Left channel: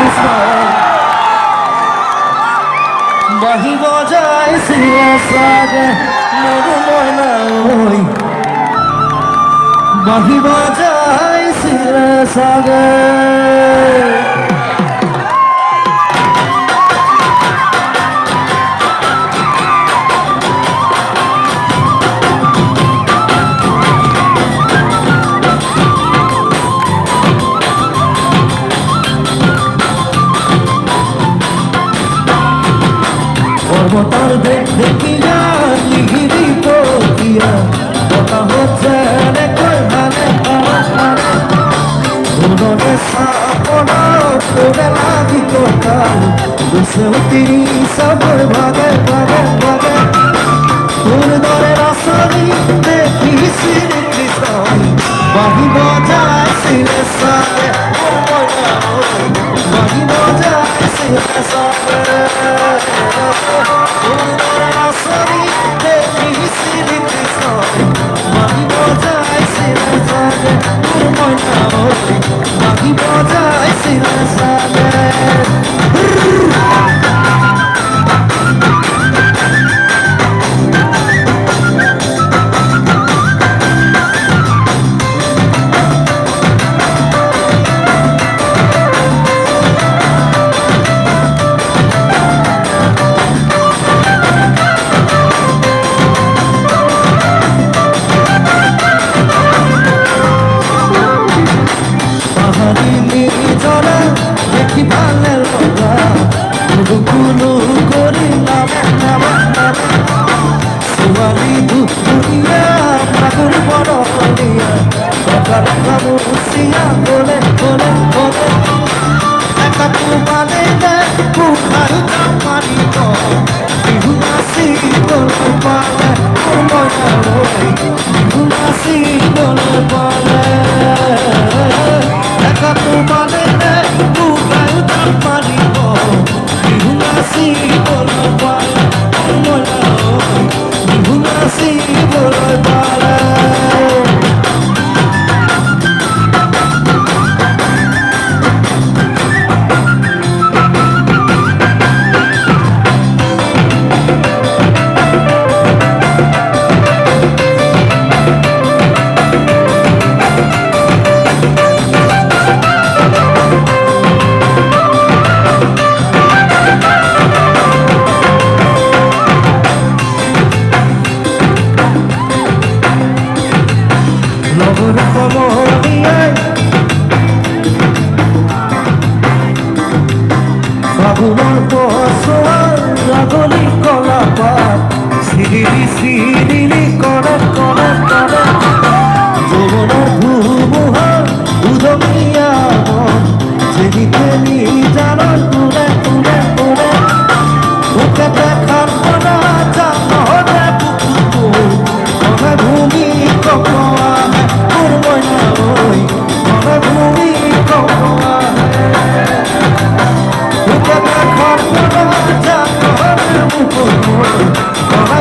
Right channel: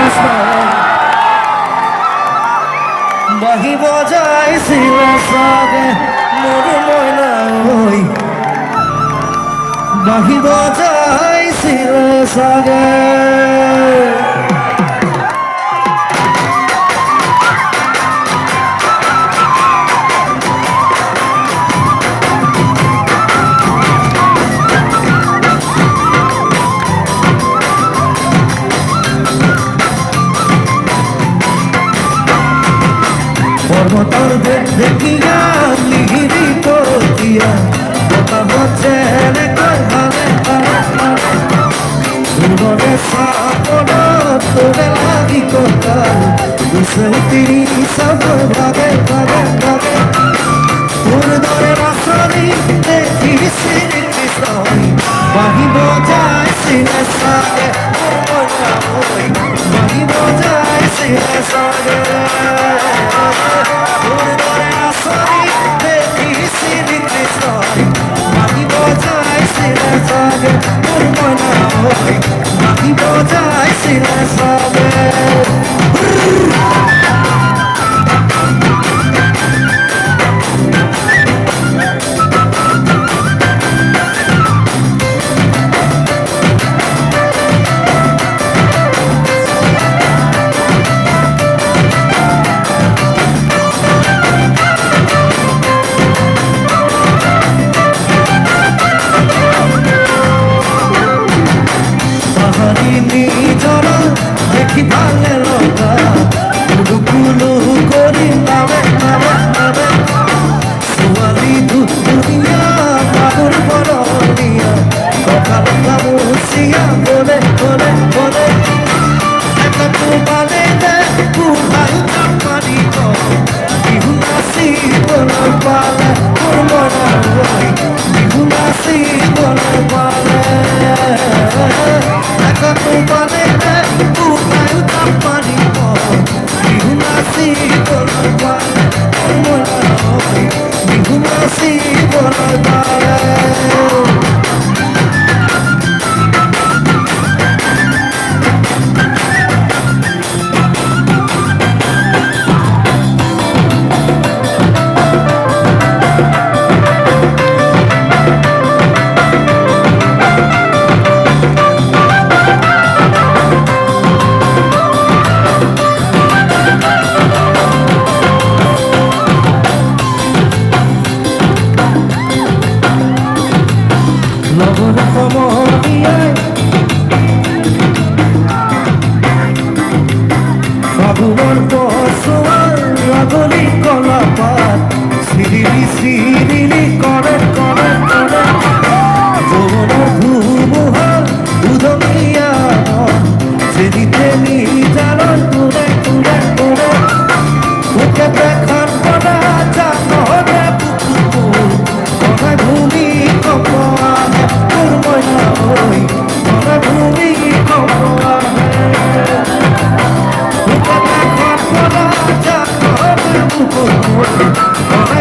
কৃষ্ণ বাহিব যায় শিলা সাগে মোর ময়না ওই বাহিব যায় শিলা সাগে পর্বতর দেখিয়া লিহিরি পতিয়া দেখা হচ্ছে হালে দুর্গের সাপনা তোরে লাগি কোথাও দুশো তিরি সব ভাগে ভাগে ভাগে তোর দরে রাসনি দেখি শ্রী কৃষ্ণই বাহিব যায় শিলে সাগে বাহিব যায় শিলে সাগে দেখি ভালে লগা কুলু করি নামে নামে নামে সোয়ালি দুনিয়া বাবুর বড় দিয়া সকাল খাবুসিয়া বলে বলে বলে একা তু বানিলে কুহাই পানি তো বিহুনাসি বলে পালে বিহুনাসি বলে পালে একা তু বানিলে কুহাই পানি তো বিহুনাসি বলে পালে বিহুনাসি বলে পালে সিরিলি করে করে করে জীবনে ঘুমুহ উদমিয়া যেদি তেলি জানো তুলে তুলে তুলে ওকে দেখার পরে জানে বুকু ওকে ঘুমি কপোয়ানে পুরবই না ওই ওকে ঘুমি কপোয়ানে ওকে দেখার পরে জানে বুকু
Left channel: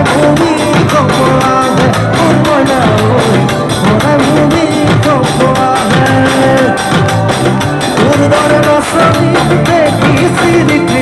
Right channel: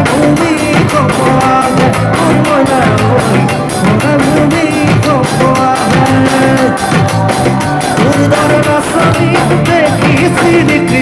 ভূমি কপোয়ানে পুরবই না ওই ওকে ভূমি কপোয়ানে তোর দরে বাসনি দেখি শ্রী